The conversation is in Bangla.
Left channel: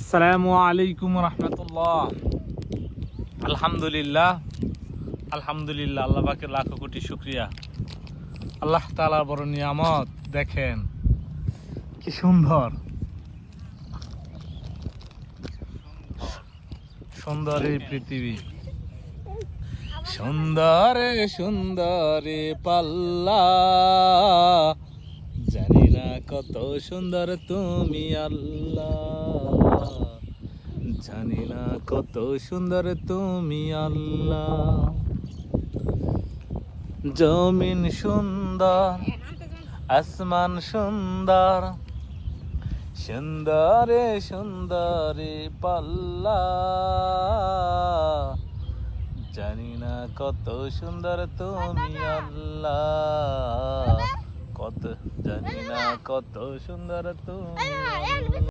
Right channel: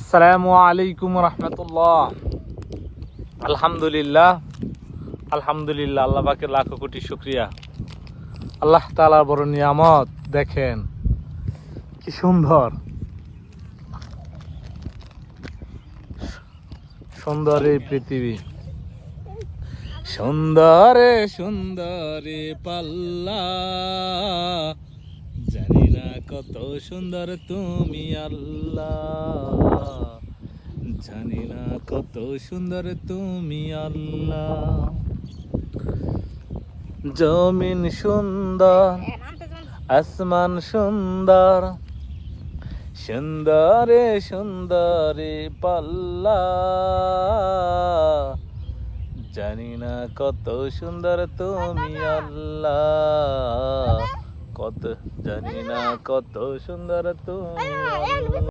আসসালামু আলাইকুম রহমতুল্লাহ। আলহামদুলিল্লাহ আলহামদুলিল্লাহ, আল্লাহ পাকের লাখো কোটি শুকরিয়া। আল্লাহ তাআলার বড় নিয়ামত, দেখেন কি সুন্দর সুন্দর এই পৃথিবী। সুন্দরে সুন্দরে পাল্লা, জানি না কত সুন্দর তুমি আল্লাহ, জানি না কত সুন্দর তুমি আল্লাহ। জমিন সুন্দর, আসমান সুন্দর, সুন্দরে সুন্দরে পাল্লা, জানি না কত সুন্দর তুমি আল্লাহ, কত জানি না কত সুন্দর তুমি আল্লাহ।